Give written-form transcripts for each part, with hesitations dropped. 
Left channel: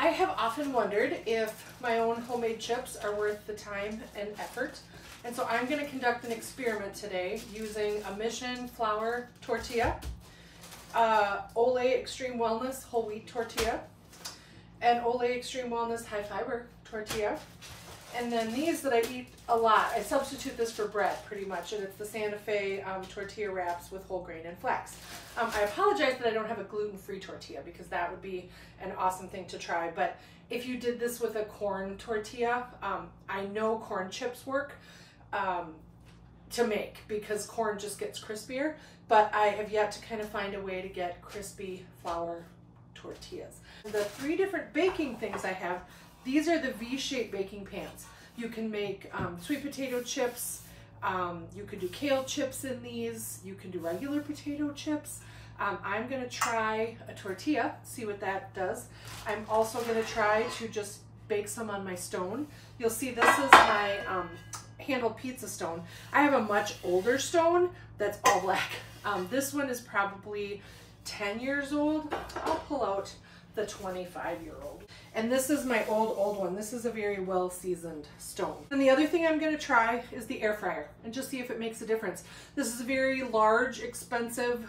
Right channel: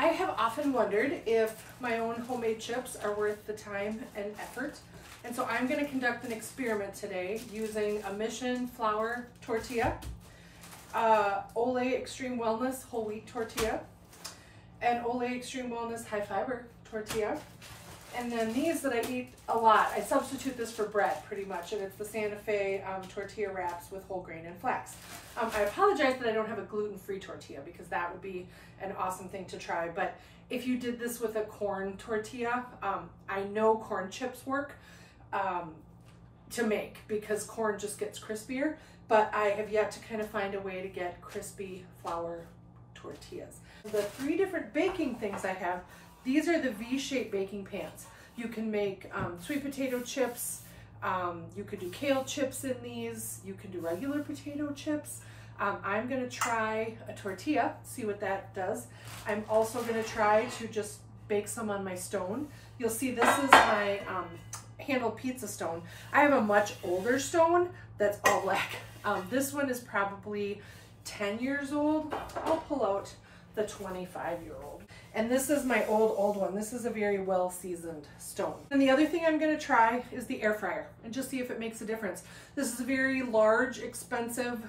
I have often wondered if my own homemade chips are worth the time and effort. And so I'm going to conduct an experiment today using a Mission Flour tortilla, Olé Extreme Wellness whole wheat tortilla, and Olé Extreme Wellness high fiber tortilla. And then these that I eat a lot, I substitute this for bread pretty much, and it's the Santa Fe tortilla wraps with whole grain and flax. I apologize that I don't have a gluten-free tortilla because that would be an awesome thing to try. But if you did this with a corn tortilla, I know corn chips work to make because corn just gets crispier, but I have yet to kind of find a way to get crispy flour tortillas. The 3 different baking things I have, these are the V-shaped baking pans. You can make sweet potato chips, you could do kale chips in these, you can do regular potato chips. I'm gonna try a tortilla, see what that does. I'm also gonna try to just bake some on my stone. You'll see this is my handled pizza stone. I have a much older stone that's all black. This one is probably 10 years old. I'll pull out the 25-year-old. And this is my old one. This is a very well-seasoned stone. And the other thing I'm gonna try is the air fryer and just see if it makes a difference. This is a very large, expensive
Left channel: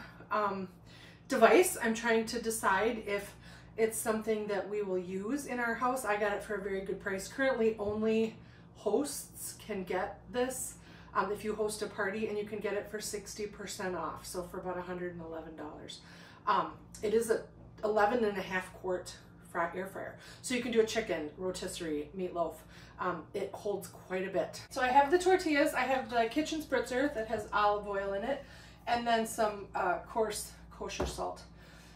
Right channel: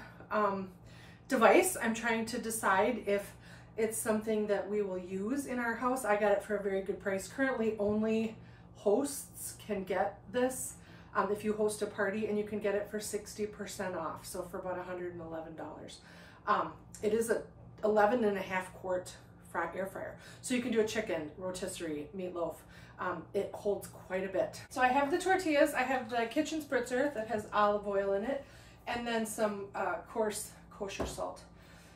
device. I'm trying to decide if it's something that we will use in our house. I got it for a very good price. Currently, only hosts can get this. If you host a party, and you can get it for 60% off, so for about $111. It is a 11.5 quart air fryer. So you can do a chicken, rotisserie, meatloaf. It holds quite a bit. So I have the tortillas, I have the kitchen spritzer that has olive oil in it, and then some coarse kosher salt.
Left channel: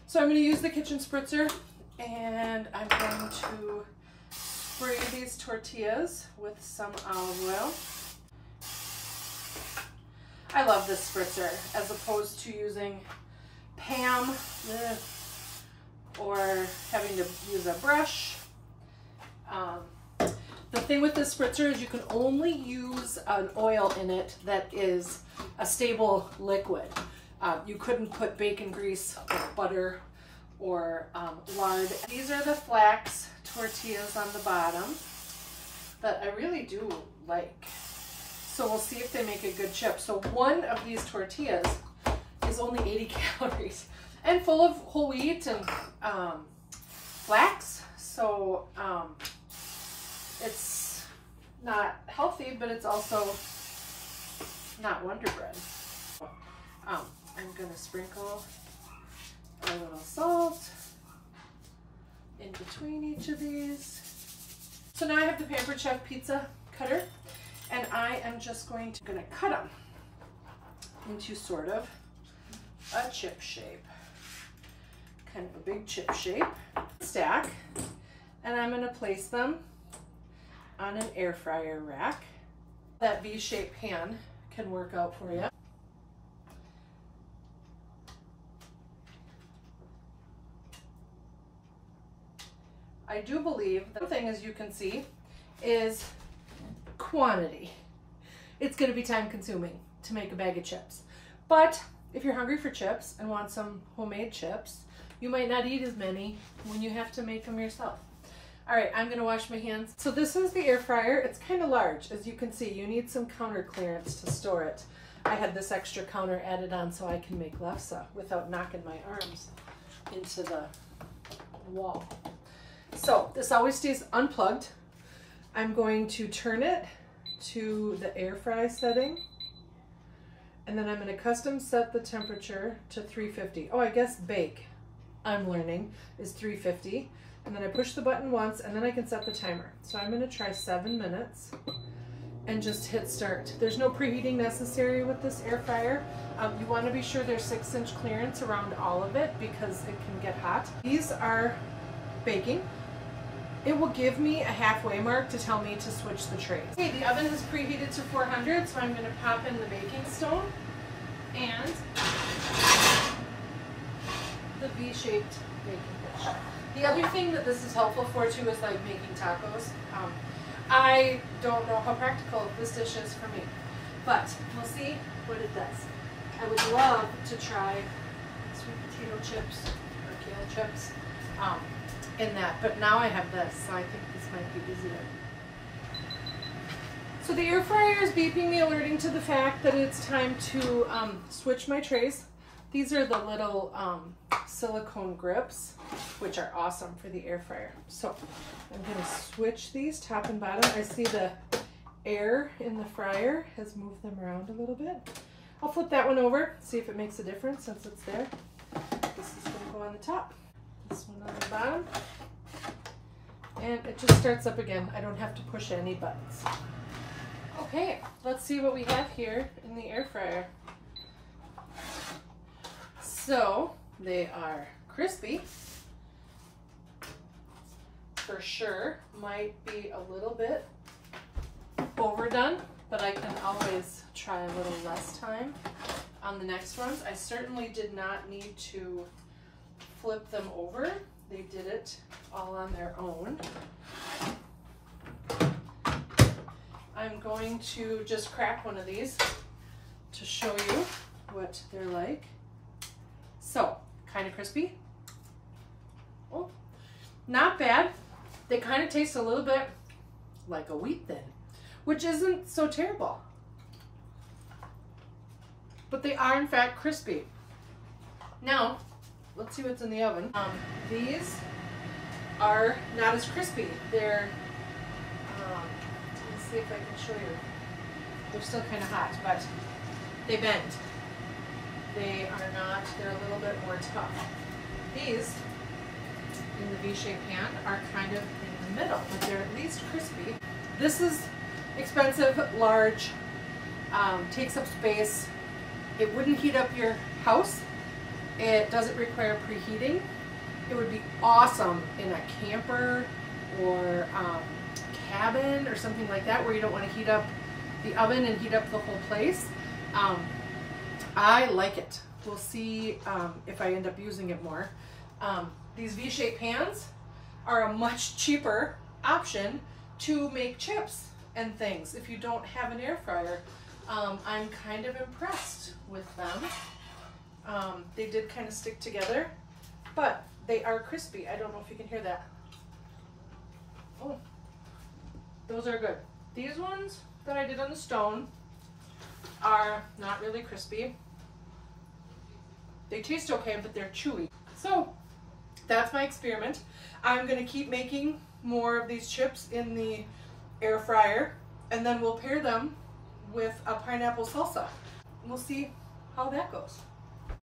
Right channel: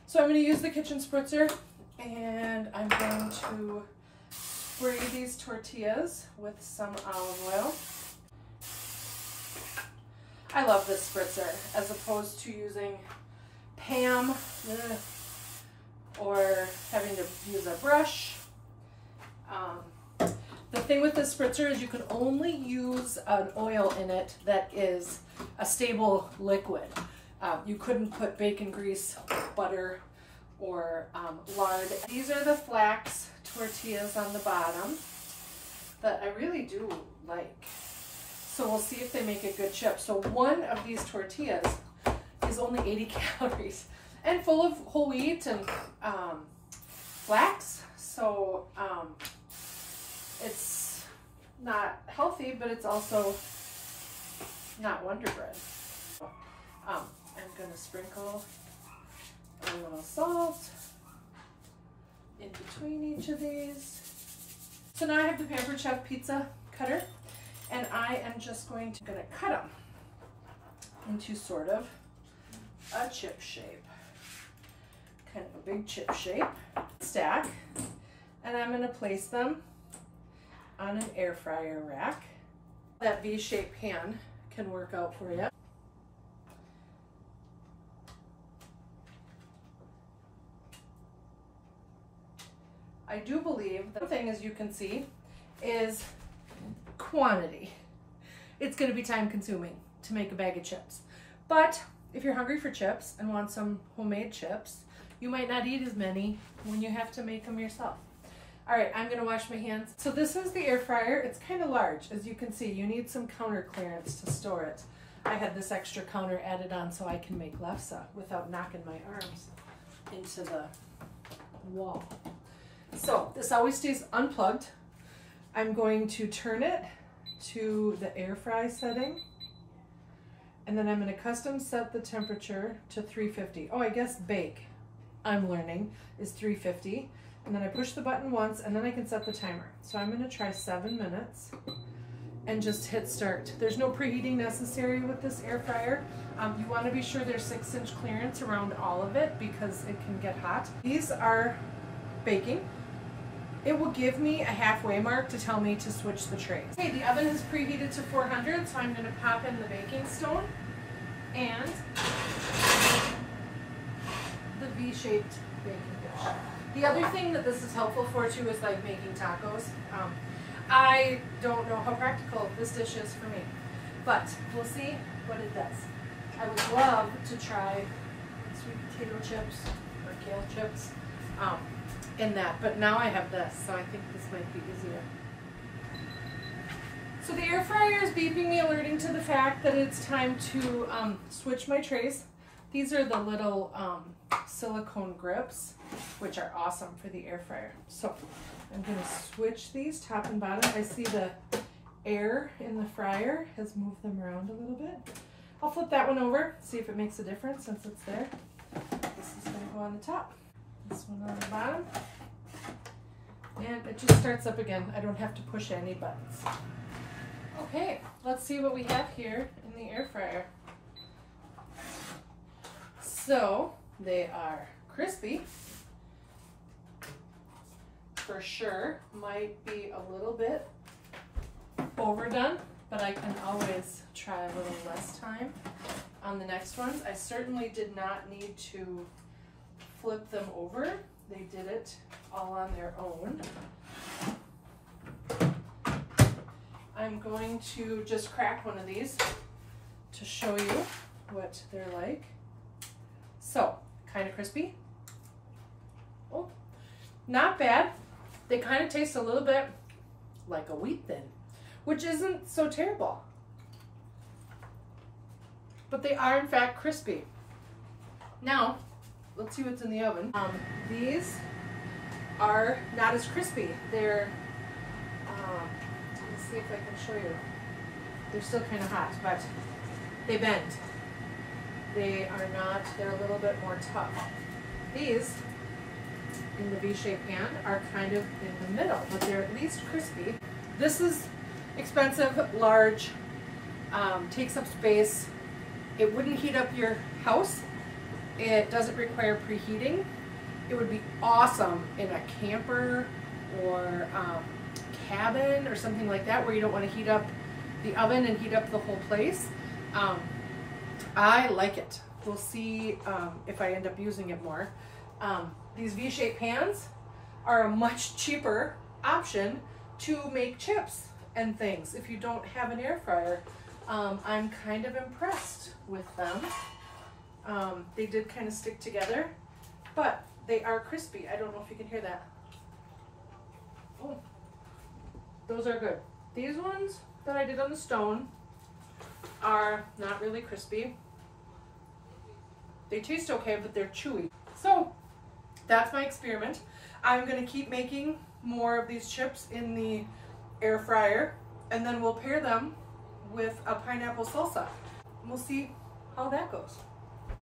So I'm gonna use the kitchen spritzer, and I'm going to spray these tortillas with some olive oil. I love this spritzer as opposed to using Pam. Or having to use a brush. The thing with this spritzer is you can only use an oil in it that is a stable liquid. You couldn't put bacon grease, or butter, or lard. These are the flax tortillas on the bottom that I really do like. So we'll see if they make a good chip. So one of these tortillas is only 80 calories. And full of whole wheat and flax, so it's not healthy, but it's also not Wonder Bread. I'm gonna sprinkle a little salt in between each of these. So now I have the Pampered Chef pizza cutter, and I am just gonna cut them into sort of a chip shape. Kind of a big chip shape stack, and I'm going to place them on an air fryer rack. That V-shaped pan can work out for you. I do believe the thing, as you can see, is quantity. It's going to be time consuming to make a bag of chips, but if you're hungry for chips and want some homemade chips, you might not eat as many when you have to make them yourself. All right, I'm gonna wash my hands. So this is the air fryer. It's kind of large, as you can see. You need some counter clearance to store it. I had this extra counter added on so I can make lefse without knocking my arms into the wall. So this always stays unplugged. I'm going to turn it to the air fry setting, and then I'm gonna custom set the temperature to 350. Oh, I guess bake, I'm learning, is 350. And then I push the button once, and then I can set the timer. So I'm gonna try 7 minutes and just hit start. There's no preheating necessary with this air fryer. You wanna be sure there's 6-inch clearance around all of it because it can get hot. These are baking. It will give me a halfway mark to tell me to switch the trays. Okay, the oven is preheated to 400, so I'm gonna pop in the baking stone and the V-shaped baking dish. The other thing that this is helpful for too is like making tacos. I don't know how practical this dish is for me, but we'll see what it does. I would love to try sweet potato chips or kale chips. in that, but now I have this, so I think this might be easier. So the air fryer is beeping me, alerting to the fact that it's time to switch my trays. These are the little silicone grips, which are awesome for the air fryer. So I'm going to switch these top and bottom. I see the air in the fryer has moved them around a little bit. I'll flip that one over, see if it makes a difference since it's there. This is going to go on the top, this one on the bottom, and it just starts up again. I don't have to push any buttons. Okay, let's see what we have here in the air fryer. So they are crispy, for sure. Might be a little bit overdone, but I can always try a little less time on the next ones. I certainly did not need to flip them over. They did it all on their own. I'm going to just crack one of these to show you what they're like. So, kind of crispy. Oh, not bad. They kind of taste a little bit like a wheat thin, which isn't so terrible. But they are in fact crispy. Now, let's see what's in the oven. These are not as crispy. They're, let's see if I can show you. They're still kind of hot, but they bend. They are not, they're a little bit more tough. These, in the V-shaped pan, are kind of in the middle, but they're at least crispy. This is expensive, large, takes up space. It wouldn't heat up your house. It doesn't require preheating. It would be awesome in a camper or cabin or something like that where you don't want to heat up the oven and heat up the whole place. I like it. We'll see if I end up using it more. These V-shaped pans are a much cheaper option to make chips and things if you don't have an air fryer. I'm kind of impressed with them. They did kind of stick together, but they are crispy. I don't know if you can hear that. Oh, those are good. These ones that I did on the stone are not really crispy. They taste okay, but they're chewy. So that's my experiment. I'm going to keep making more of these chips in the air fryer, and then we'll pair them with a pineapple salsa. We'll see how that goes.